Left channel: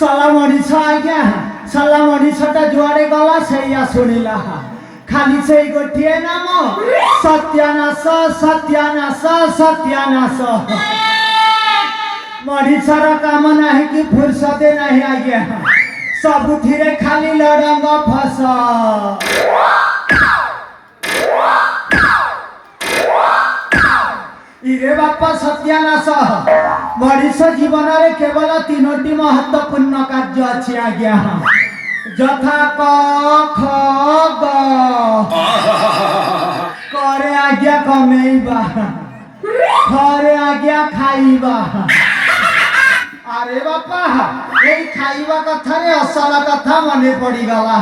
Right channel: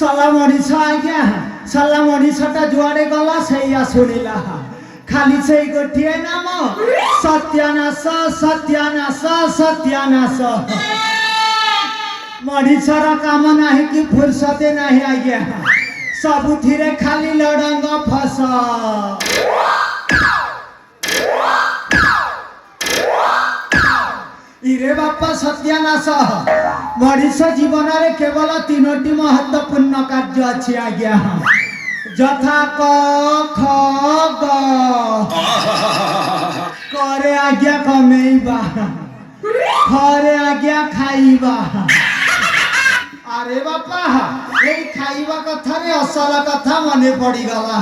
सला मनीष आज्ञा सला मनीषटा जुआड़े गला से शुणिला खाली से गोटे नाम सत्यानाश सत्यानाश सत्यानाश मनीषर काम नहीं कि फुर्सते नहीं आज्ञा सबुथिरे खाली लड़ंग फस इरे बापा सत्यानाश मनीष जीवन में केवल तीनोटी महत्वपूर्ण कार्य अच्छी आज्ञा यथा क ख ग करे आज्ञा कमेइबा खरे आज्ञा खाइबा अरे बापा ये खाइबा कथा रे असल कथा मने पड़ी गला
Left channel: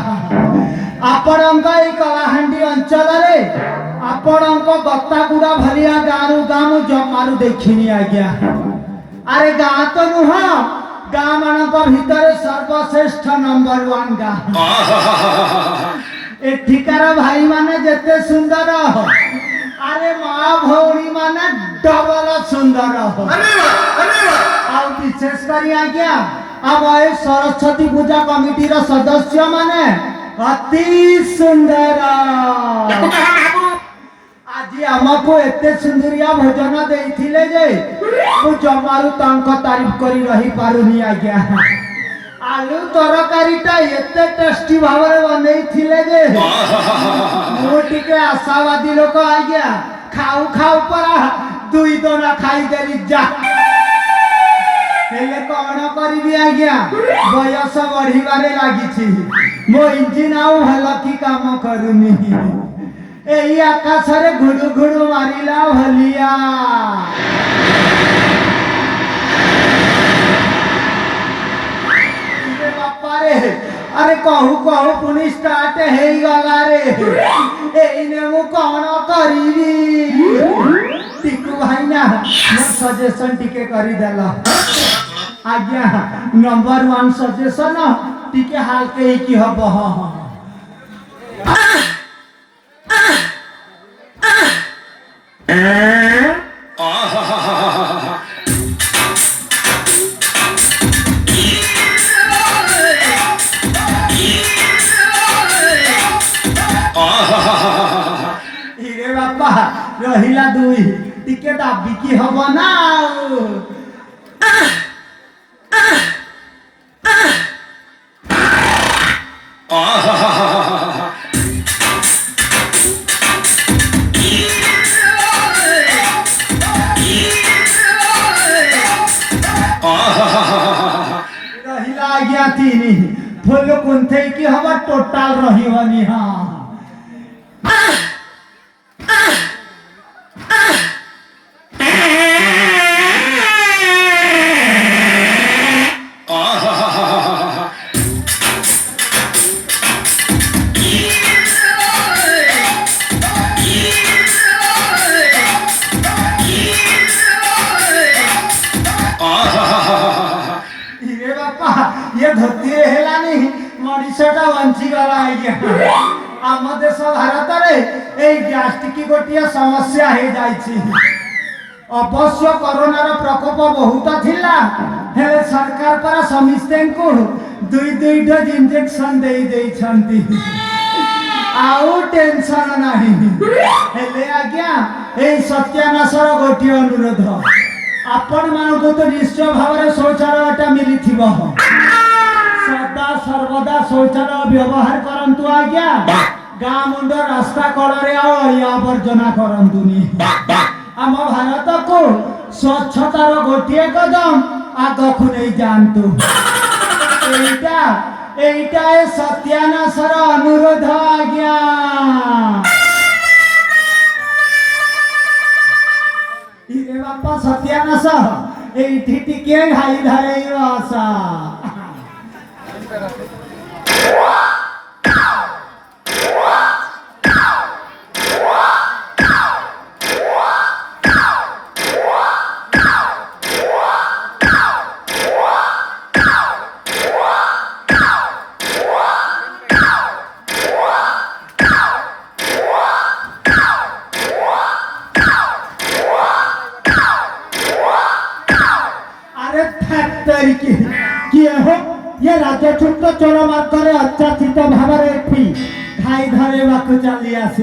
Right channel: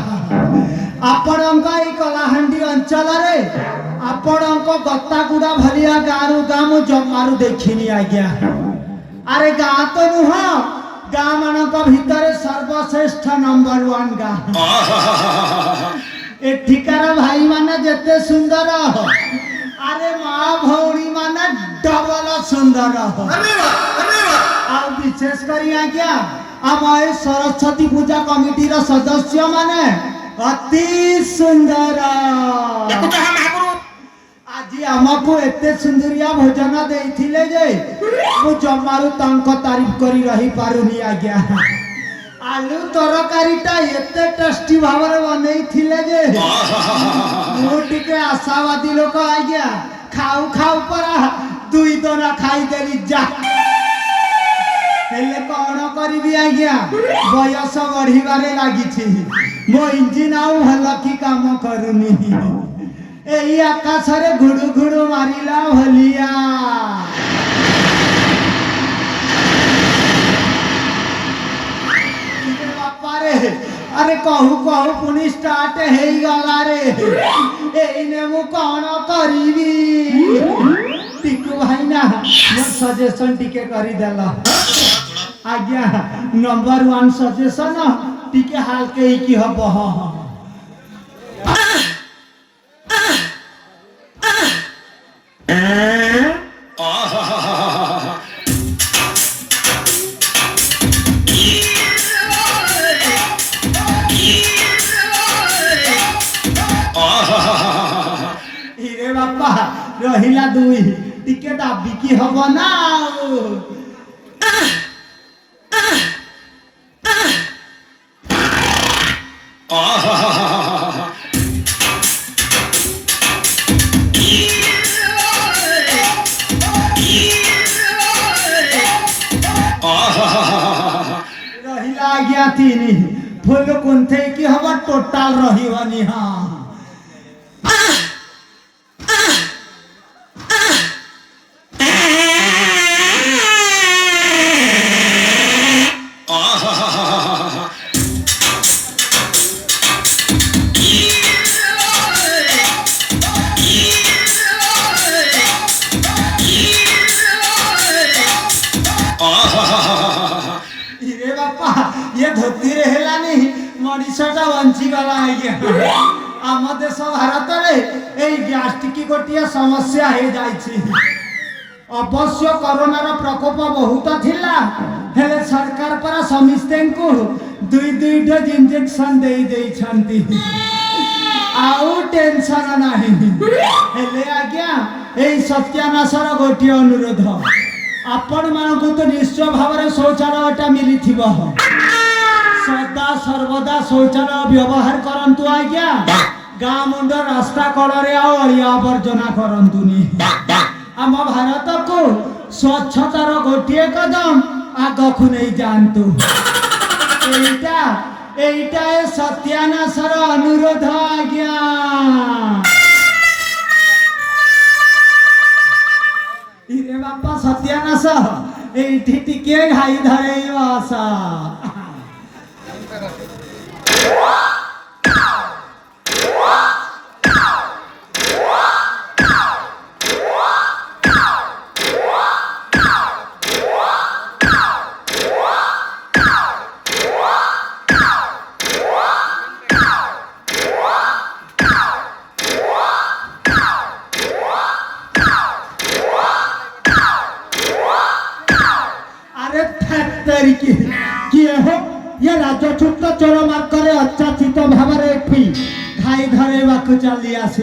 आपणक ये कलाहांडी अंचल रे आपणक गतागुड़ा भलिया गाँव गाँव जमारू देखिनी आज्ञा अरे गाँ तो नुह गाँ मानक भितर सर्वश्रेष्ठ नंबर 1 गाँ एठिकार भाई माने जेते सुंदर अरे माँ भौणी माने डबल सुंदर आ विशेष करी आज्ञा आम ए सरस्वती पूजा कमिटी रो सदस्य माने अति सुंदर आज आमको एते सुंदरिया भोजन देइथिले जे मु जमारू तांको तारीफ करी रही पारुनी आज्ञा आलू तरकारीटा एते टेस्टी भावरे बनैथिले जे मु टिके आशावादी लोक आज्ञा खाऊ खाऊ परा दुई दोना खाई देली जा हेले कौन करी आज्ञा बयस बढ़िबारे लागिछि मो इंजिन आउ भल की काम करूनी एई आकाश रे घुडु घुडु मारिला भलिया बापा रे अरे कहू कहू पुनी स्टार्ट हे गला रे एई ने मु कौन करीबी टिकू भाई ना मो सजेशन टिके करी देला आज्ञा नंबर 1 सजेशन टिके हाल के की हबो इरे बापा रहिला दुई टिके दाबी की हबो ना रहिला आज्ञा तीनी फुल कुंथे की हवा टोटल रही हनी हां ये धोती हेला नहीं मनीषटा बंची गला आज्ञा आम देश भारत रे ए गैस्ट्रिक गोटिया समस्या हे जाइछि अवश्य कोरोना रो प्रकोप बहुत थिला हेले सरकार पर समिस्ते को दुई दुई डोज इंजेक्शन दे देई छंती आउ टेंशन नाही हेले आज्ञा ए सत्यानाशर गोटिया अनुरोध आपण मानको तो निश्चय भाव शौचालयटा मिली सदा सर्वदा शौचालय व्यवहार करंतु आज्ञा गाँ मुंड रास्ता कड़े अलिया आवर्जना करंतुनी आम भारत को स्वच्छतार गोटे कदम आगकू नहीं जानतु एटा ए सत्यानाशर अनुरोध आज्ञा इरे बापा सत्यानाश एठी टिके घाई धरेई आशा अरे फैक्टरी की ରାଜଛୁଟ ଚୋର ମାର୍ଗରେ ଅଚାଚିତ ଭାବରେ ଏଠି ଘାଇ ଧରେଇବାକୁ ଚାଲି ଆସିଲେ।